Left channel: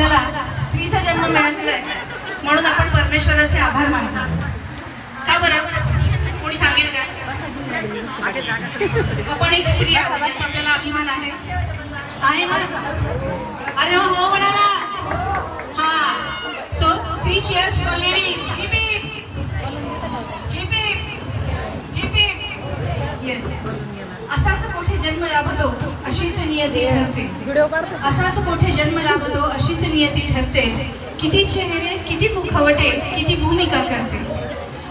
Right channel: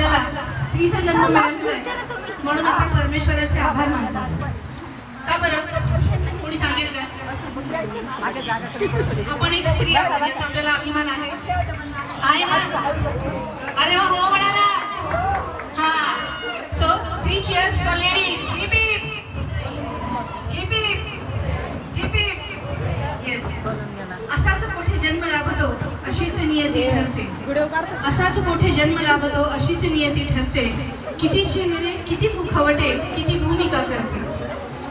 आपल्याला स्त्रीचा जन्म मिळालेला आहे म्हणून आपण परमेश्वराचे आभार मानतो. का बरं? कोणी सांगेल का? आपण एक स्त्री आहोत याचा आपल्याला अभिमान आहे ना? अरे हो म्हणा ना. हा, so 3 cheers for ladies. Hip hip, hip hip, hip hip. Yes. असाच कोठे जन्म लाभतो अशीच नियती ठरते. असाच कोठे जन्म लाभतो अशीच नियती ठरते. किती चेहरे, किती मुखवटे, किती भूमिका करते.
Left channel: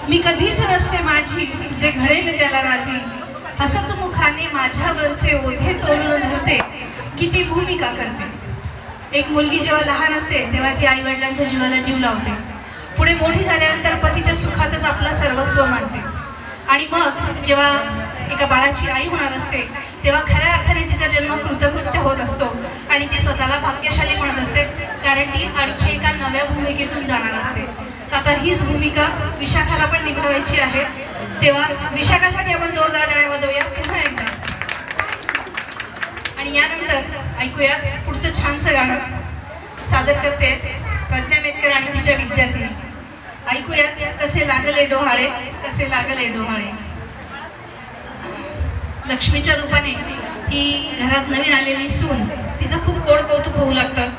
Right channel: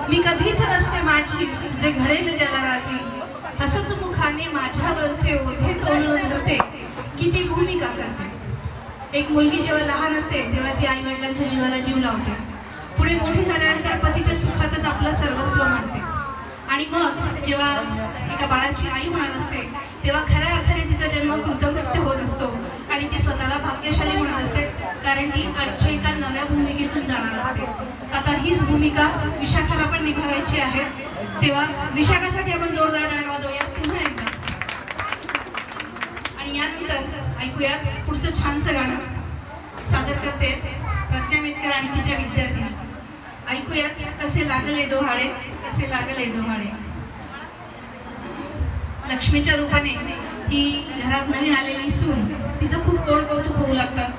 मी कधीच नसते माझी जे घडेल त्याला राजी. हसत मुखाने माझ्यावरचे ओझे तोलून धरते. किती भूमिका करते. एक मुलगी जेव्हा लहान असते तेव्हा ती आई वडिलांच्या जीवाला जीव लावते. पुढे मोठी झाल्यानंतर पतीच्या सुखातच आपलं सर्वस्व मानते. आणि मग जेव्हा एका बाळाची आई होणार असते तेव्हा खऱ्या अर्थाने तिचा जन्म कृतकृत्य होत असतो आणि ती स्वतःला भाग्यशाली म्हणत असते, कारण ती आणखी एका नव्या भूमिकेतून जाणार असते. आता हीच भूमिका विशाखाला पण निभावायची आहे. तेव्हा विशाखासाठी आपण जोरदार टाळ्या वाजवूया पुन्हा एकदा. आणि यानंतर ऐकूयात पुढचं छानसं गाणं. सादर करते प्रज्ञा मेतकर आणि तिच्या विद्यार्थिनी. ऐकूयात कसे लागले डोहाळे, कसे लागले डोहाळे. लक्ष्मीच्या रूपाने ही घरात नवीन आलेली सून, तिचं खूप गोड कौतुक होऊ लागतं.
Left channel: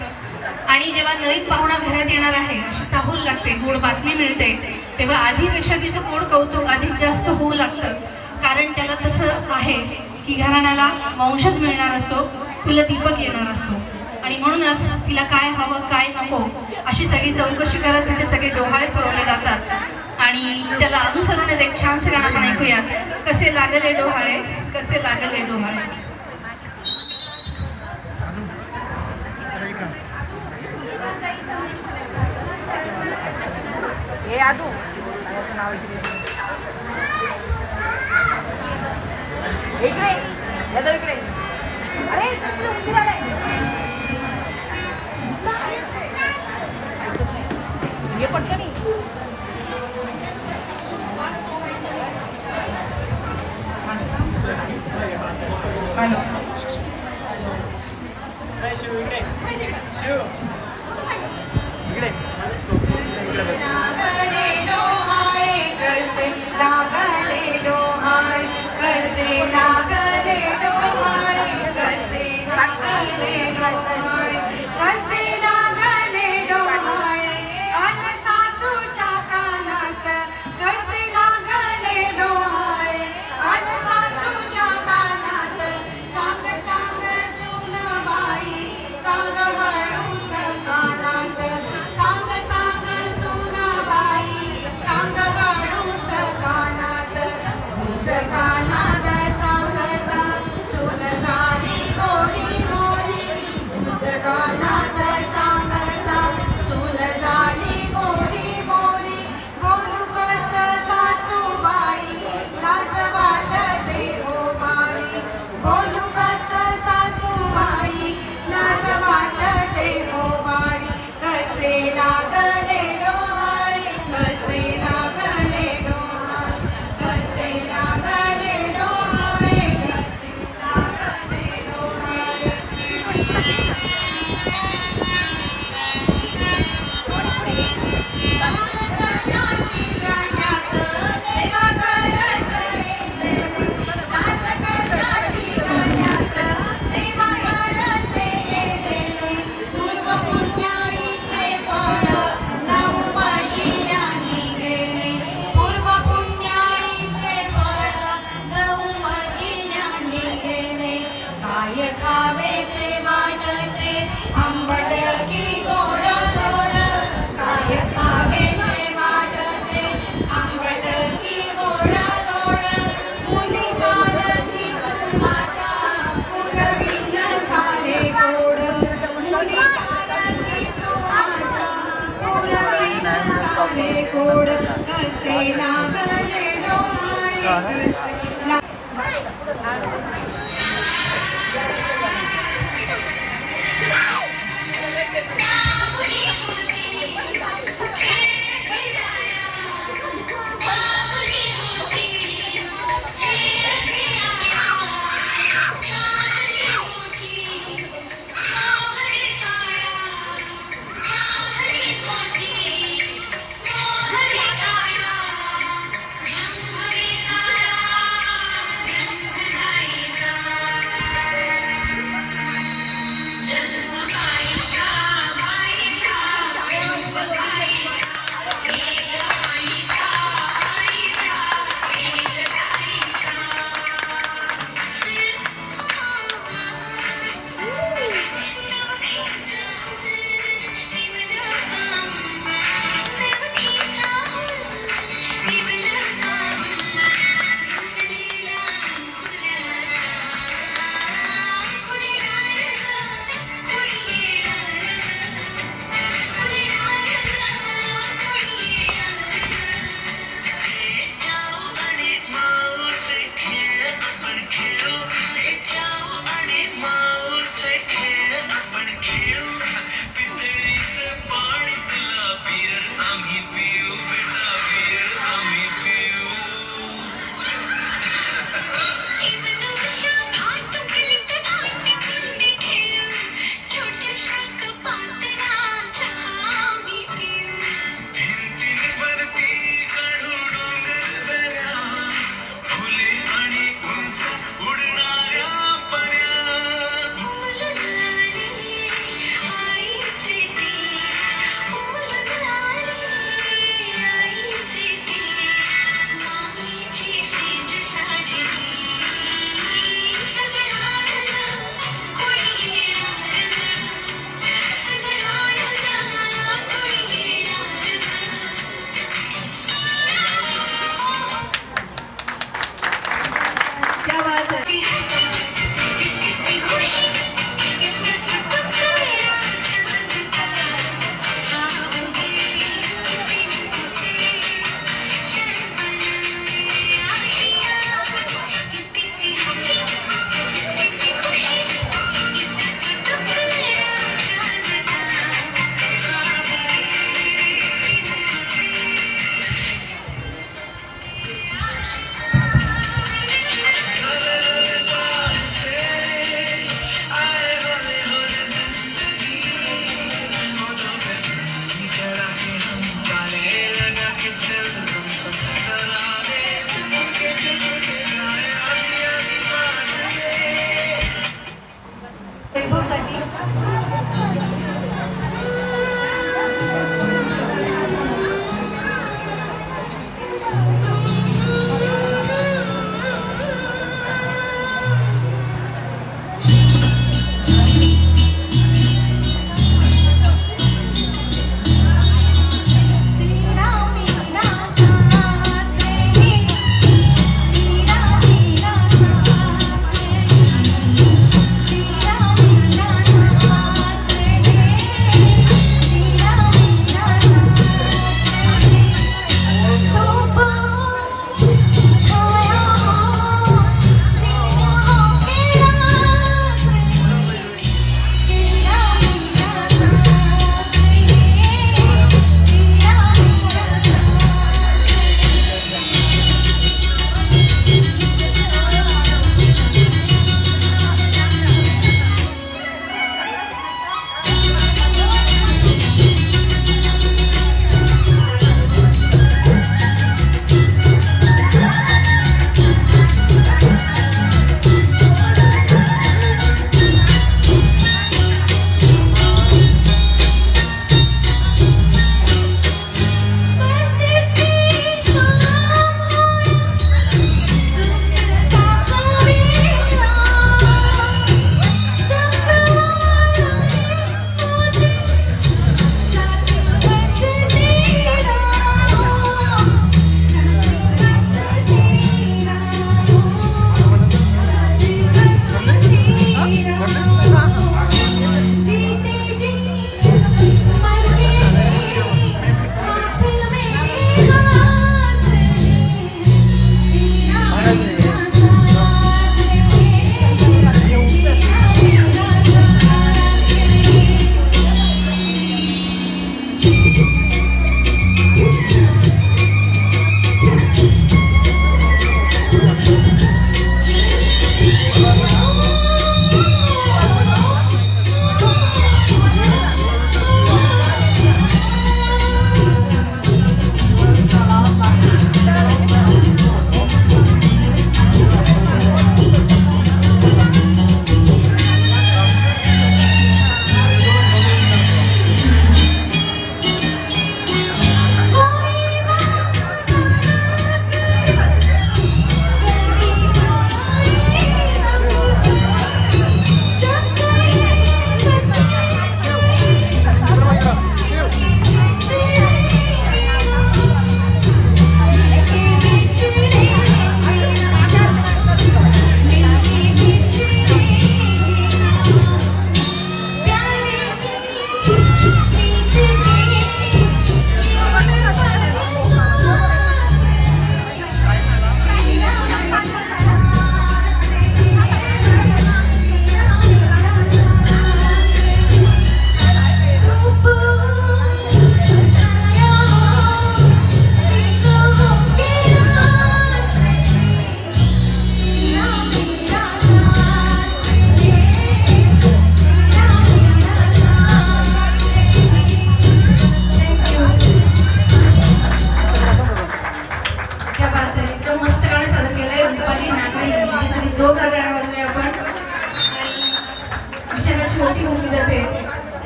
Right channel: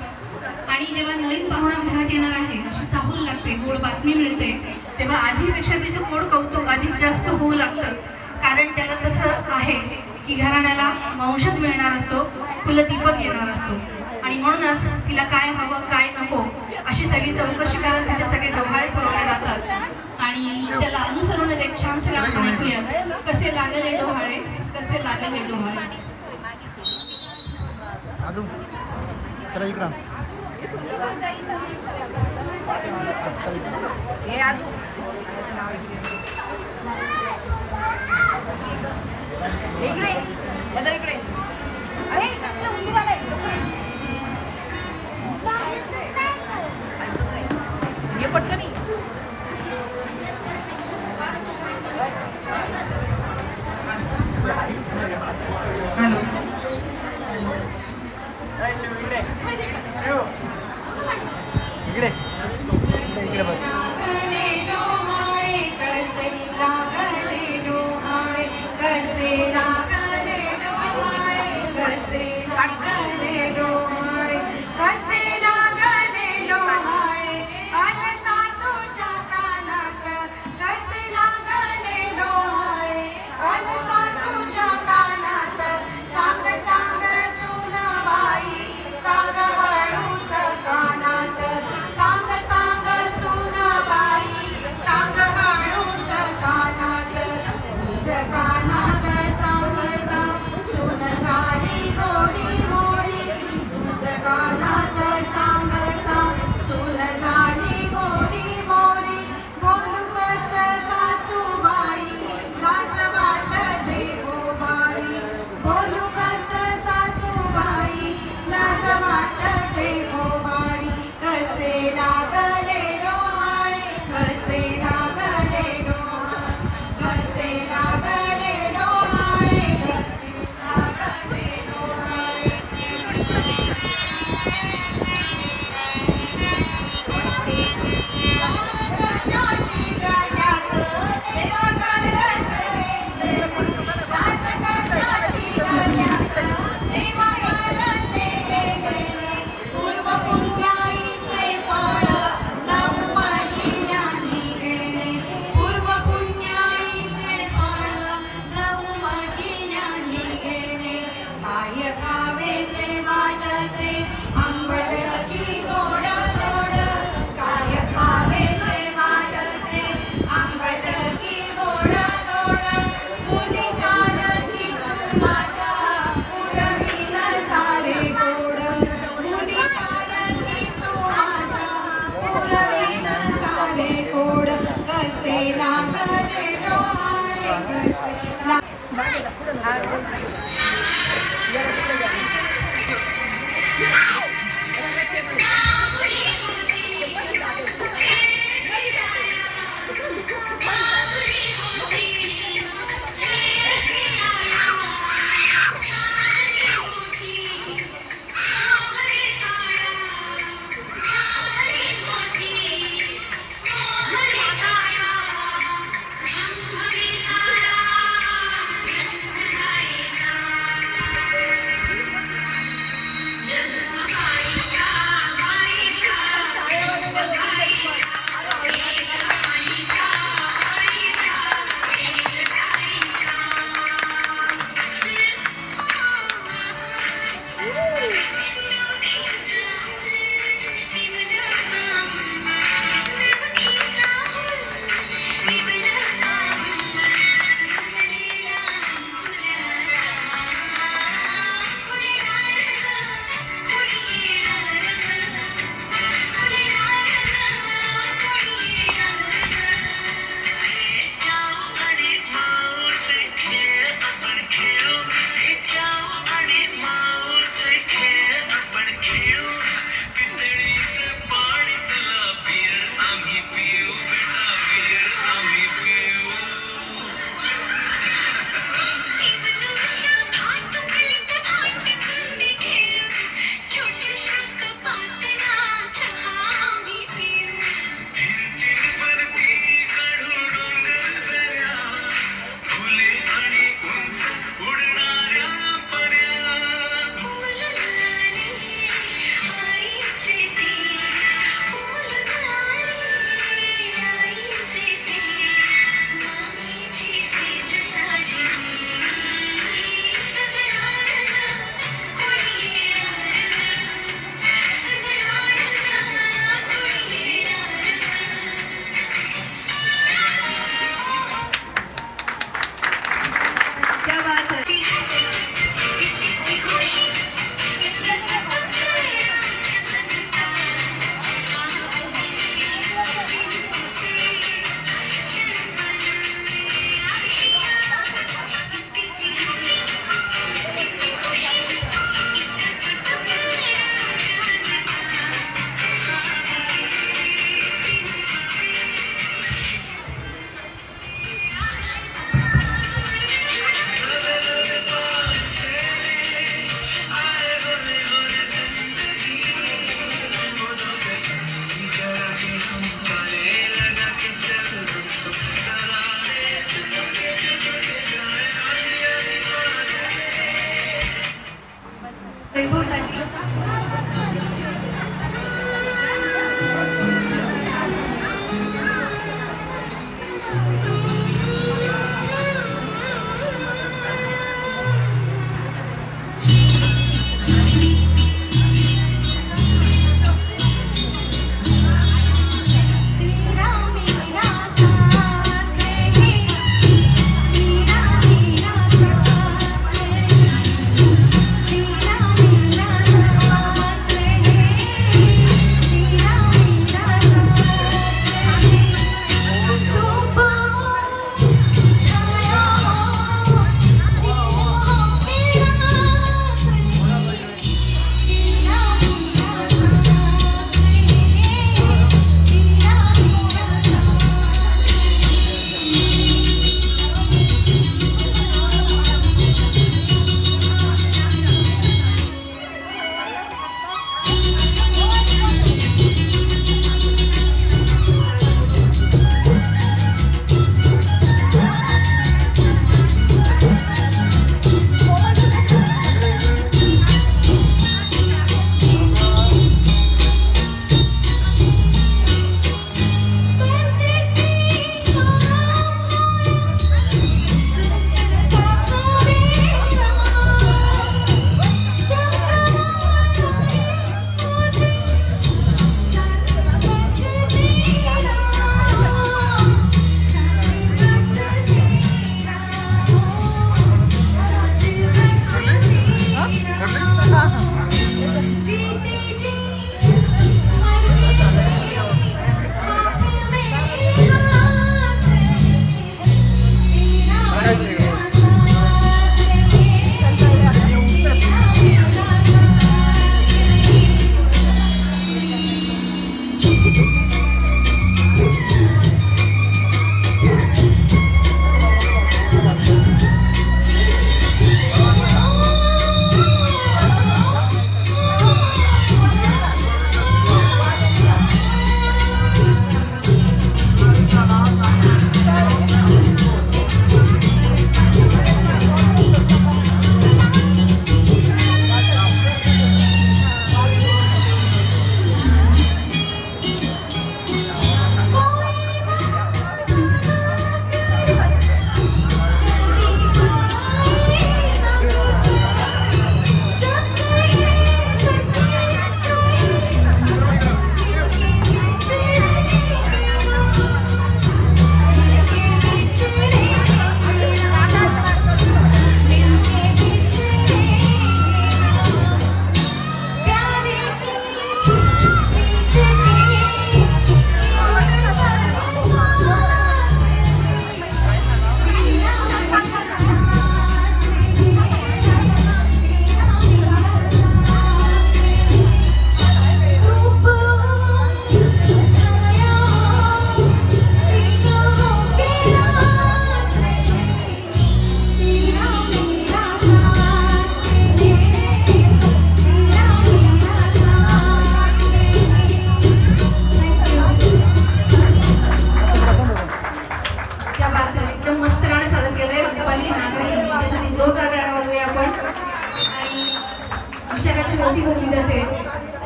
आणि जेव्हा नवीन पाहुणा घरात येणार आहे अशी चाहूल लागते, गोड बातमी मिळते, तेव्हा आधीपेक्षा तिचं गोड कौतुक अधिक जास्त होऊ लागतं. कारण त्याला तसं आहे की घराण्याला वंशच मिळणार असतो, कुलदीपक येणार असतो. आणि म्हणूनच तिला काय हवं काय नको अशी सगळी चौकशी करत तिथे सगळे डोहाळे पुरवले जातात. आणि त्याला अनुसरूनच एक छानसे गाणं आपण ऐकूया. कसे लागले डोहाळे, कसे लागले डोहाळे. हे आदू इकडे इकडे. अरे इकडे उंदीर आलाय. ऐकत नाही. ये पटकन. कसे लागले डोहाळे. वैभवसाठी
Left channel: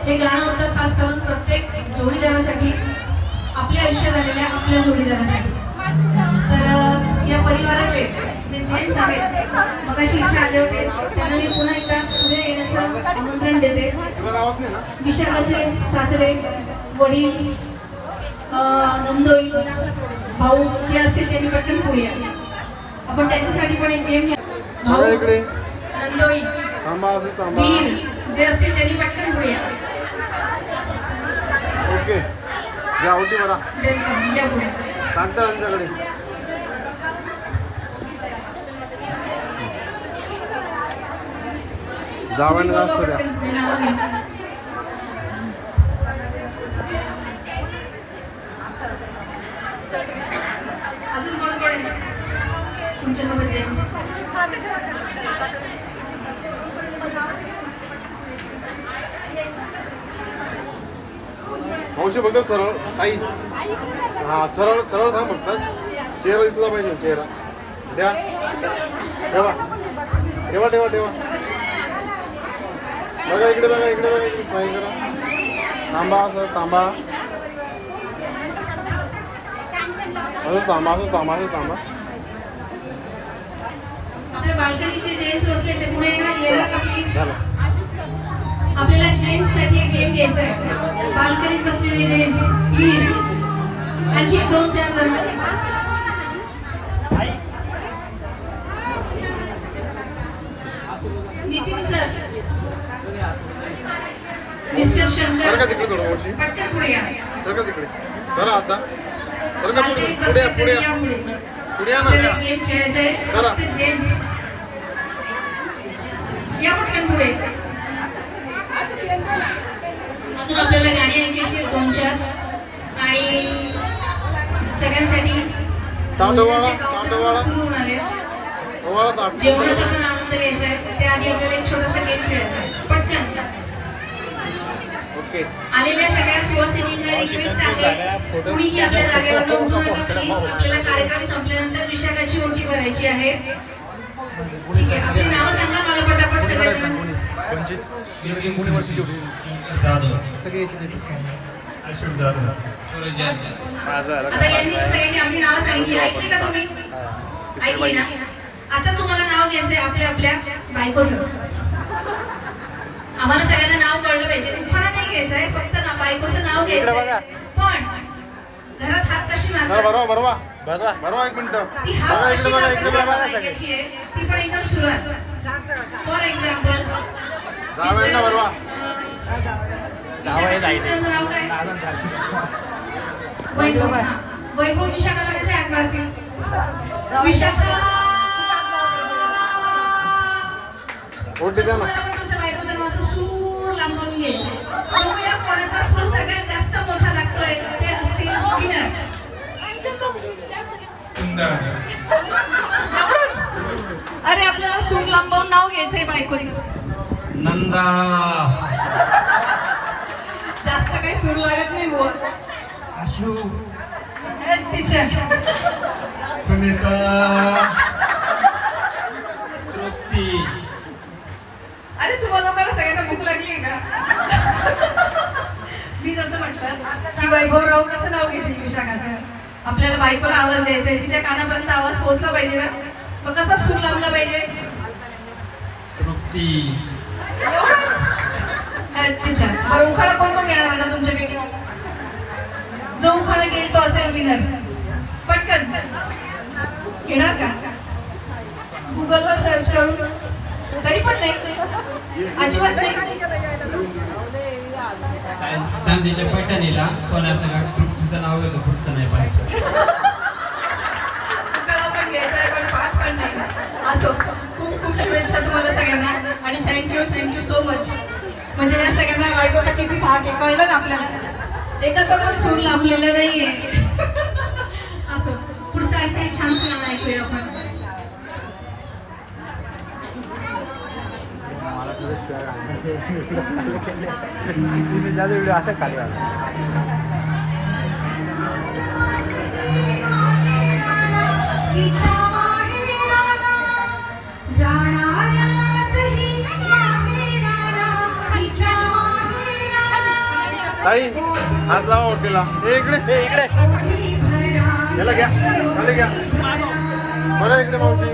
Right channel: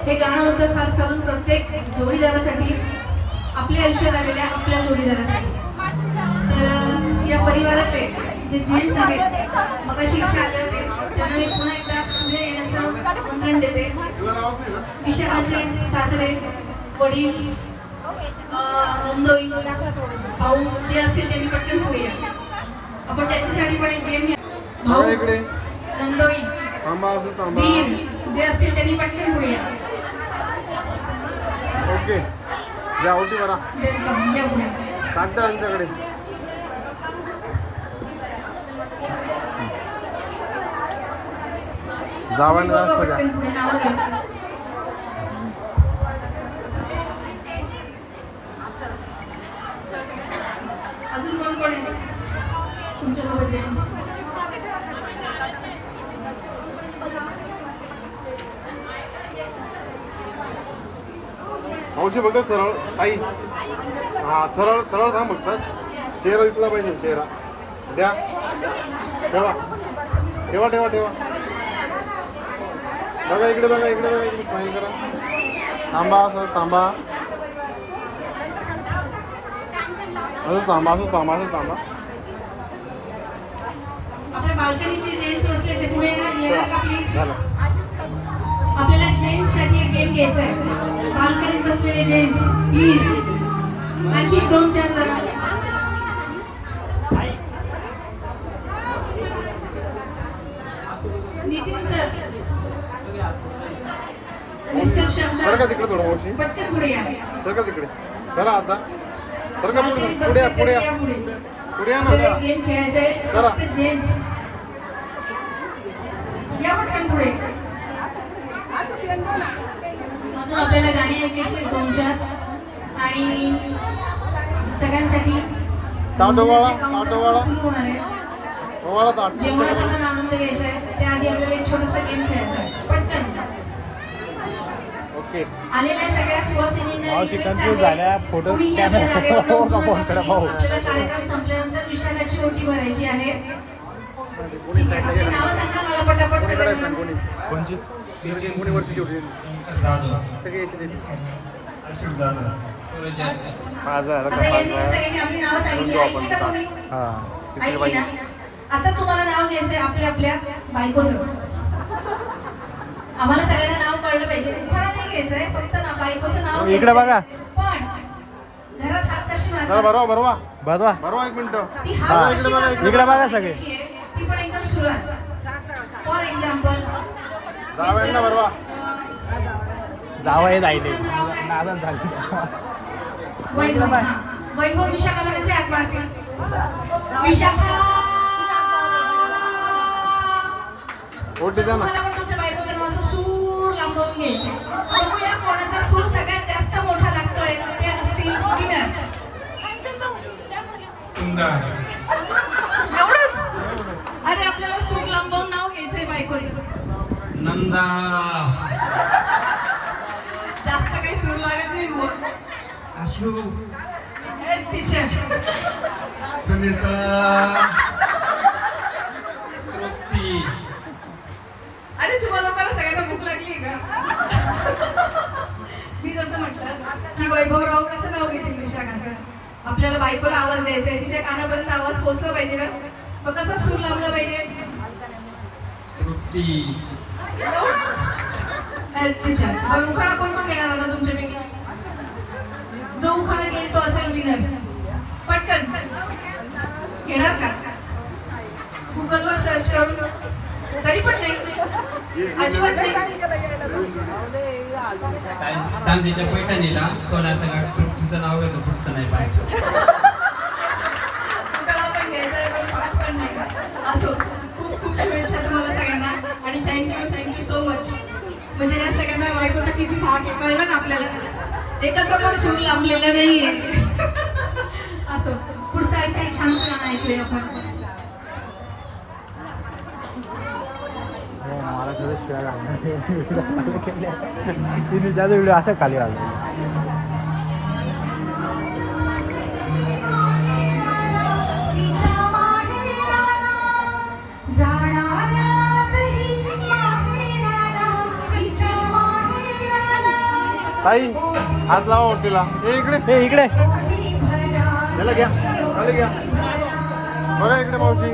हे गाणं होतं खास करून प्रत्येक जोडीदारासाठी, आपल्या आयुष्यात आलेल्या आपल्या जोडीदारासाठी. तर या परिवारातले जे जेंट्स आहेत मगाशी इथे आले होते त्यांना मी पुन्हा एकदा पुढे येण्याचं आमंत्रण देते. विशाखाचे सासरे, वडील, नंदोई, भाऊ जे असतील त्यांनी पटकन पुढे या. आपण त्यांच्यासाठी पण एक गेम भाऊ, नंदोई, वीर जे असतील त्यांनी पटकन पुढे या. ओके या होती बरा वेलकम या पुढे. सांगता त्यांच्याकडे जावाने जास्त द्या. अजून कोण कोण आहे तुमच्यासोबत जेंट्स? मोशी बोलतात सरळ आई. हा सरळ सरळ सांग फक्त चेहरा दिसला पाहिजे. चेहरा द्या. ठेवा ठेवा ठेवा ठेवा. इकडे बघा इकडे बघा इकडे smile करा. थांबा सर थांबा असंच थांबा असंच थांबा असंच थांबा. आपल्या बाल्कनीचे जेंट्स बसले ते पुढे येणार का प्लीज. आपल्याला जेंट्स साठी एक गेम घ्यायचा आहे. बाल्कनीत बसलेले जेंट्स प्लीज. आणखी 2-4 जण. नितीन सर, मिस्टर शंकर, सरका तिकडे थोडं मावशी. पटकन पुढे या. सरका तिकडे करा आता सरका बाल्कनीत पुढे बसले या, पुढे तर या. या पुढे. पुढे या आपल्याला ना. गेम खेळायचा आहे. करा. फक्त जेंट्स या पटकन पुढे. अजून आपल्याला गाणी ऐकायची आहेत 2-4 आणि सगळ्यांसाठी भोजनाचे काउंटर सुरू होणार आहे. तुम्हाला ताट. जेवणाचा पण आनंद घ्यायचा आहे. त्याआधी आपल्याला एक छोटासा गेम खेळायचा आहे. पटकन ओके. आलेल्या सगळ्या सुवासिनींना रिक्वेस्ट आहे, कुणीही आपल्या जागेवर उठू नका प्लीज. आपल्याला कार्यक्रम संपल्यानंतर विशाखाची ओटी भरायची आहे. ठीक आहे, आपली नावं सांगा मला पटापट सगळ्यांना. आता यांनी सगळ्यांनी आपली नावं सांगितली. ऐकली का तुम्ही? ऐकली ना? आता तुम्हाला नाव घ्यायचंय आपल्या आपल्या बायकोचं. आम्हाला सगळ्यांना नाव कळलं पाहिजे. उखाणा नाही घ्यायचंय, फक्त ना बायकोचं नाव घ्यायचंय. पण घरात हात कशी जरा मारतात, भरवा भरवा एक मिनिट. ती हात कशी मारतात ऐकायची आहे. ती पण एकदम सुरुवात. फॉर एक्झाम्पल भरवा. मिस्टरांचं नाव काय? वैभव. हा. वैभव विशाखाला कसे हात मारतील? विशाखा. ओटी द्या ना. तुम्हाला पण तुमच्या बायकोचं नाव असं सूर लांबवून घ्यायचं. बघूया कोणाचा सूर सगळ्यात जास्त मोठा लागतोय. ते असतील विनर. एवढंच? अरे आपल्याला सूर लांबवून नाव घ्यायचंय बायकोचं. नंदा. जास्त काही सूर लागत नाही बुवा. आशू. टीचर. सुनीता. तृप्ती. अरे तुम्हाला लोकांना सगळ्यांना भूक लागली का? मी जसं म्हटलं की वैभवराव कसं नाव घेतील विशाखाचं. आपल्याला बायकोला आवाज द्यायचा आहे. तिच्या कानापर्यंत आवाज पोहोचला पाहिजे ना. मग कसा सूर लावला पाहिजे? तृप्ती. टीचर. बरं उखाणा कोण कोण घेणार आता तुमच्यापैकी? जो उखाणा घेईल तो असेल विनर. पटकन घेणार का? गुगलवर सर्च करून. तरी पण नाही, अजिबात नाही. चांदीच्या पैठणीला सोन्याचं गाठ तृप्तीचं नाव घेतो, पुढचं नाही पाहिजे. उखाणा पण घ्यायचा आहे पण पाठ पण नाही. असो, खूप खूप शुभेच्छा तुम्हाला सगळ्यांना आणि थँक्यू सो मच. म्हणजे या सगळ्यांना बायकोचा किती धाक आहे कळलं ना आपल्याला. एकाचा पण सूर लांबलेला नाहीये. असो, पुढचं आणखी छानसं गाणं ऐकूया आपण. आई हात लावा ओटीला. इकडे इकडे याला घ्या. आले घ्या. मला इकडे मावशी.